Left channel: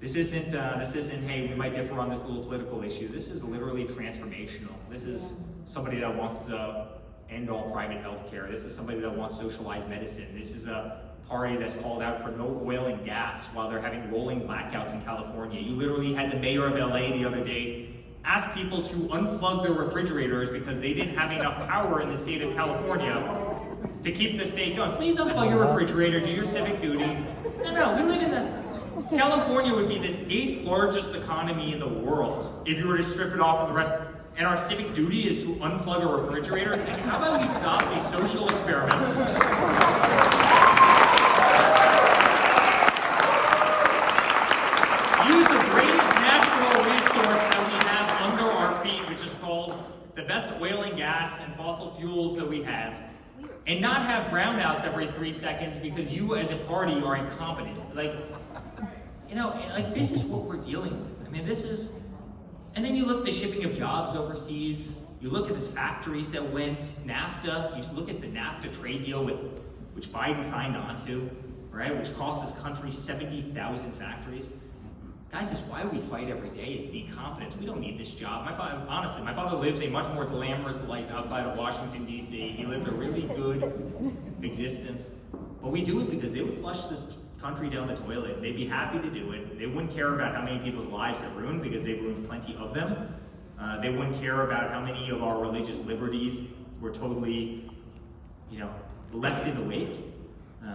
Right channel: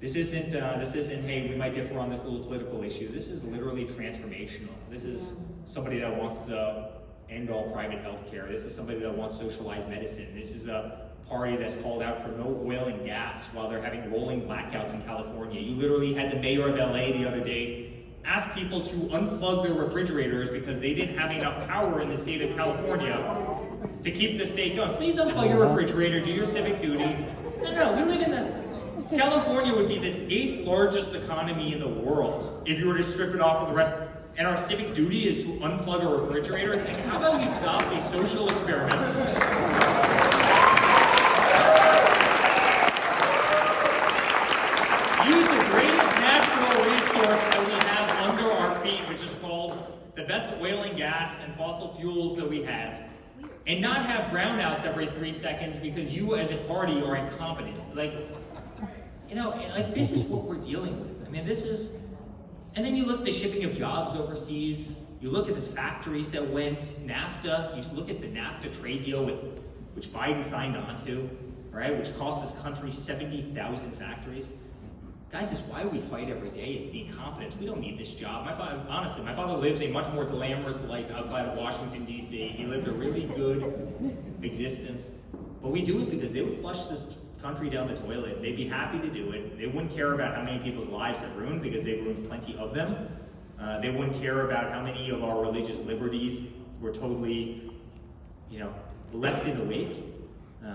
This isn't, hey, we might differ on this little political issue. This is literally transformational. This is somebody that wants to end all private health care. This is somebody that wants socialized medicine. This is a party that's called out for no oil and gas while they're having rolling blackouts in California. You literally had the mayor of LA the other day ask people to unplug their refrigerators because they didn't have enough power in the state of California to keep the state going. Please unplug your refrigerator, do your civic duty. No, we live in the... California would be the 8th largest economy in the world if you were to strip it off of the rest. And our civic duty is to unplug a refrigerator. It's like, how about you stop these social experiments? Use the greatest natural resource that we have under our feet, which is called the best oil and gas and fossil fuels that we have, and not have brownouts every 3 seconds because you as a party are incompetent. This is what we're dealing with. I mean, this is, and then you look at the shipping of jobs overseas, you look at the factories that went, NAFTA, you look at the NAFTA trade deal which Biden signed on to, right, which cost this country 70,000 factories. Guys, it's why we fight every day. It's the incompetence. We don't need this job. My father lives a much more glamorous life outside of Washington, D.C. He lived a really good existence. But we do it because they would flush this country down the toilet. They'd be happy to do it. They wouldn't care about how many people's lives they've ruined because they've ruined plenty of them. They wouldn't care about how many of our religious liberties were totally, left in the wake.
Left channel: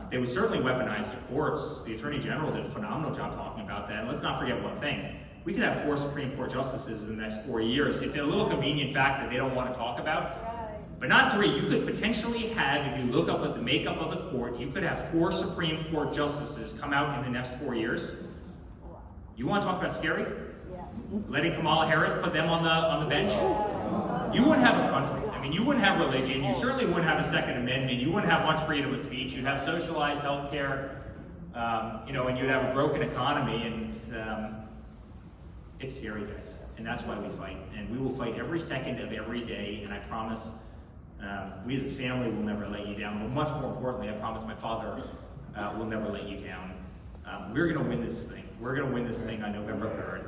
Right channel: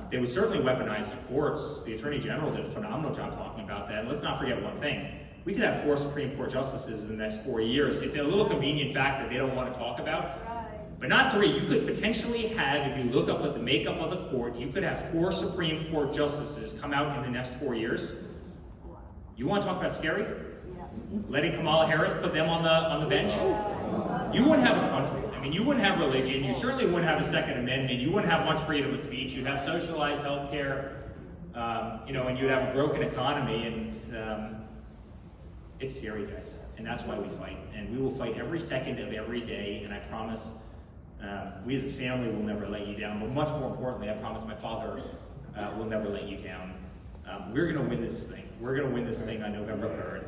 They would certainly weaponize the courts. The Attorney General did a phenomenal job talking about that. And let's not forget one thing. We could have 4 Supreme Court justices in the next 4 years. It's a little convenient fact that they don't want to talk about. But not 3. You could potentially have, if you look up at the makeup of the court, you could have 4 Supreme Court justices come out in the next 4 years. You want to talk about scary? Yeah. Letting Kamala Harris put them on the bench? You wouldn't have a country. I mean, you wouldn't have religion. You certainly wouldn't have a Second Amendment. You wouldn't have much freedom of speech. You'd have socialized health care, and you'd have a broken economy. And it's scary, guys. And that's why we fight. And we will fight every second of every day. And I promise we as a family will never let you down. But much more importantly, I promise my father will never let you down. We're going to win this thing. We're going to win this thing on November 3rd.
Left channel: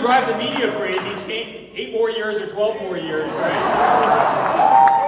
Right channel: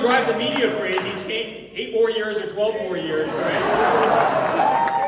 Drive the media crazy, 8 more years or 12 more years, right?